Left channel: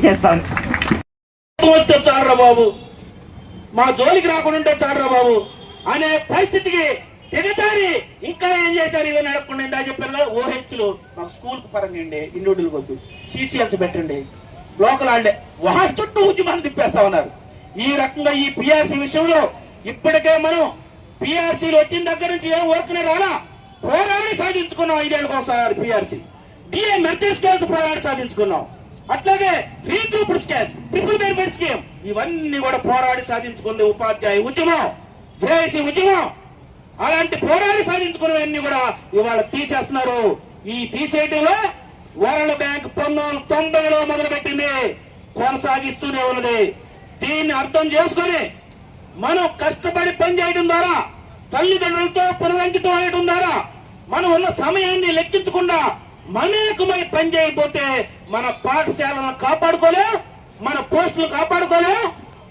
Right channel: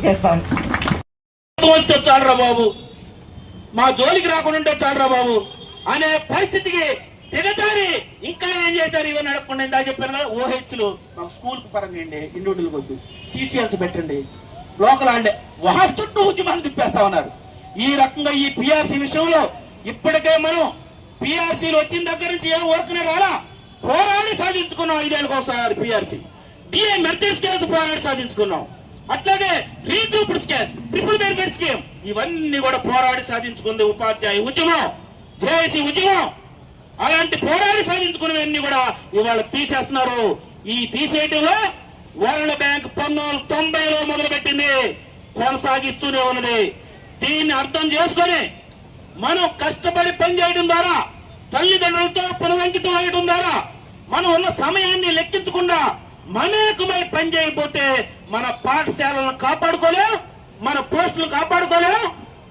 తెలియజేస్తాను. చాలరా బాబు, మా జోలికి రాకుండా చాలరా బాబు అనే పరిస్థితికి దిగజారి ఇంకా ఏం చేశారు? ఇవన్నీ నడపకుండా ఇందా చెప్పారు కదా, ఓహెచ్లు మాకు స్కూల్ పరంగా ఇండివిజువల్ వద్దు, సిసిఎల్స్ పెట్టండి, లోకల్ ఆడే వారి చుట్టూ ఉద్యమాన్ని తిప్పేస్తా ఉన్నారు. ఈ రకంగా ఈ పిఆర్సీ విషయంలో ఇప్పటికే మనం పిఆర్సీలు వచ్చిన దగ్గర నుంచి ఏం వర్క్నే రాలా, పోరాడి సాధించుకున్నాం. 5 ఏళ్ళకి ఒకసారి పిఆర్సీ, డిఏ మెరిట్ స్కేల్స్ పోరాడి సాధించుకున్నాం. అట్లాగే రీగ్రూప్డ్ స్కేల్స్, ట్రిపుల్ బెనిఫిట్ స్కీమ్, ఇవన్నీ కూడా పోరాడి సాధించుకుంది ఉపాధ్యాయ ఉద్యమం, జేఏసీ ఉద్యమం. అలాంటి పోరాడి సాధించుకున్నవన్నీ కూడా ఇవాళ తీసేస్తున్నారు. ఈ తీసేయడంలో వరల్డ్ బ్యాంక్ 1990లో మొదలుపెట్టింది, కొనసాగిస్తూనే ఉన్నది. దీన్ని అర్థం చేసుకొని మనం కష్టపడి పనిచేయడం ద్వారా, తల్లిదండ్రులతో పునరంకితం అయ్యడం ద్వారా, మనం ఉన్న సమయాన్ని లెక్కించకుండా మమేకమై పని చేయకపోతే మన పాఠశాలను కాపాడుకోలేం, మన పోస్టులు కాపాడుకోలేం,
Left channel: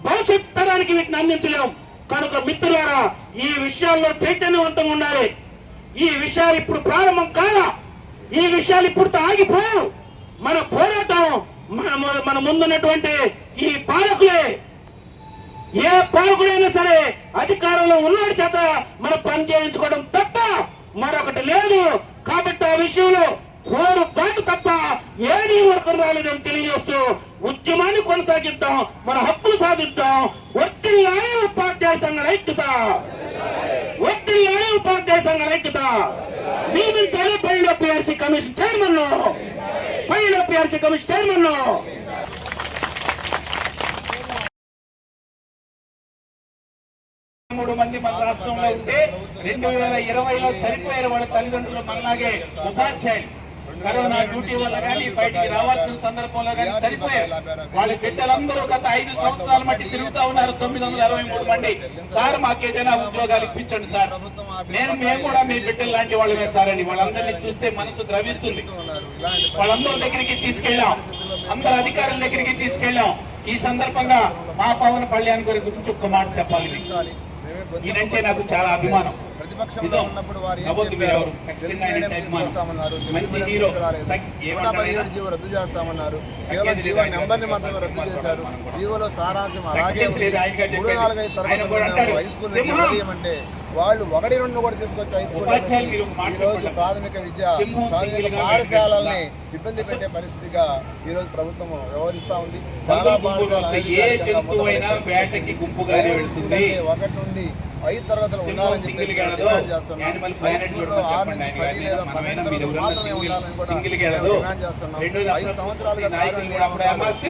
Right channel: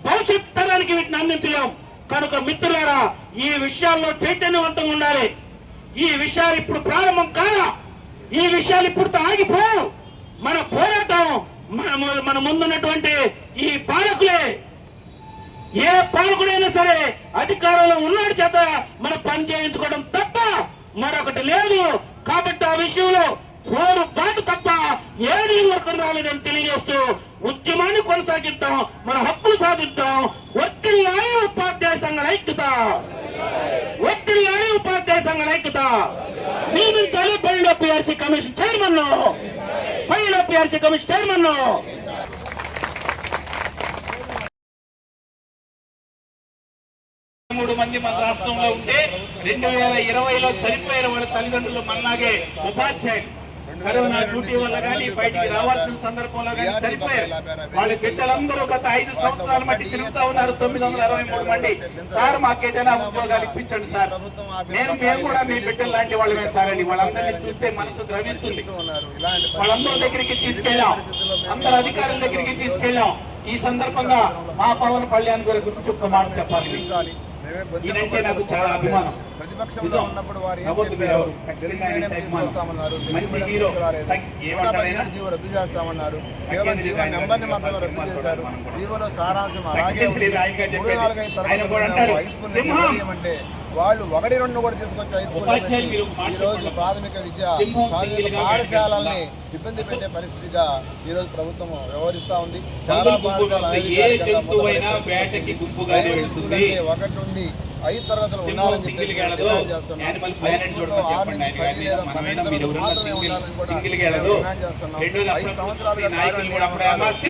భవిష్యత్ తరానికి వీటిని అందించలేం. కనుక మిత్రులారా, ఈ విషయాల్లో చైతన్యవంతంగా ఉండాలి. ఈ విషయాలు ఇప్పుడు ప్రారంభం కాదా, ఈ విషయాలు ఇప్పుడు ఆగిపోవు. మన పోరాటం మన ముందున్నటువంటి ఈ పాలకులే. ఏ పాలకుడైనా సరే అధికారంలో ఉన్నాడు చేత మన పని చేయించుకోవడం తప్ప మరొకటి లేదు. కాబట్టి ఆ విషయంలో రోడ్డు బాటు తప్ప ఏది ఊరకం రాలేదని తెలియజేస్తూ ఉద్యమాన్ని కొనసాగిద్దాం, మన హక్కులు సాధిద్దాం. వర్తిల్లాలి ఉపాధ్యాయ సంఘాల ఐక్యత, వర్తిల్లాలి ఉపాధ్యాయ సంఘాల ఐక్యత. నియమించాలి పైలో పిఆర్సీ కమిషన్ చైర్మన్, పైలో పిఆర్సీ కమిషన్ చైర్మన్. 3 మంది మన రాష్ట్రంలో ఉంటే 2020లో చనిపోయారు వాళ్ళ తల్లిదండ్రులు. మనలాగే ఉపాధ్యాయులు కరోనా డ్యూటీ వల్ల కానీ బయటికి రావాల్సిన సందర్భంలో కానీ చనిపోయారు. వాళ్ళ బిడ్డలందరూ గత 5 సంవత్సరాల మట్టి తిరుగుతా ఉన్నారు. 963 మంది. సార్ మాకేదైనా ఉద్యోగాలు ఇప్పించండి సార్. మేము కూడా మీ బిడ్డలు లాంటి వాళ్ళమే సార్ అని వాళ్ళందరినీ చూస్తే మనసు ద్రవిస్తుంది. వాళ్ళందరి దగ్గరికి తీసుకెళ్ళాం, అందరు అధికారుల దగ్గరికి తీసుకెళ్ళాం. ఈ సందర్భంగా మా పవన్ కళ్యాణ్ గారి గురించి ఒక్క మాట చెప్పాలి. ఇదంటే నాకు చాలా అభిమానం. ప్రతిపక్షంలో ఉన్నప్పుడు వారు ఏం చెప్పారు? తెలుగు మీడియం తీసుకొస్తామన్నారు, తెలుగు మీడియం తీసుకురాలేదు. 117 జీవో రద్దు చేస్తామన్నారు, కేవలం జీవో నెంబర్ని మాత్రమే రద్దు చేశారు. జీవోలో సారాంశం అలాగే ఉంది. 3-4-5 తరగతులు మేము హై స్కూల్ నుంచి విడదీయమంటే వాళ్ళు 1-2 కూడా తీసుకొచ్చి హై స్కూల్ ఈ రోజు ప్రాథమిక విద్య, ప్రాథమిక పాఠశాలల్ని ఇబ్బంది పెట్టే పరిస్థితిగా ఈ రోజు ప్రభుత్వం వ్యవహరిస్తా ఉంది. చాలా పాఠశాలలు 1 నుండి 5 తరగతులు ఉండాలని చెప్పి డిమాండ్ చేస్తున్నాం. హై స్కూల్లో 6 నుంచి 10 లేదా 12 తరగతులు మాత్రమే ఉండాలని కూడా డిమాండ్ చేస్తున్నాం. 5 సంవత్సరాలుగా కార్మిక నియామకాలు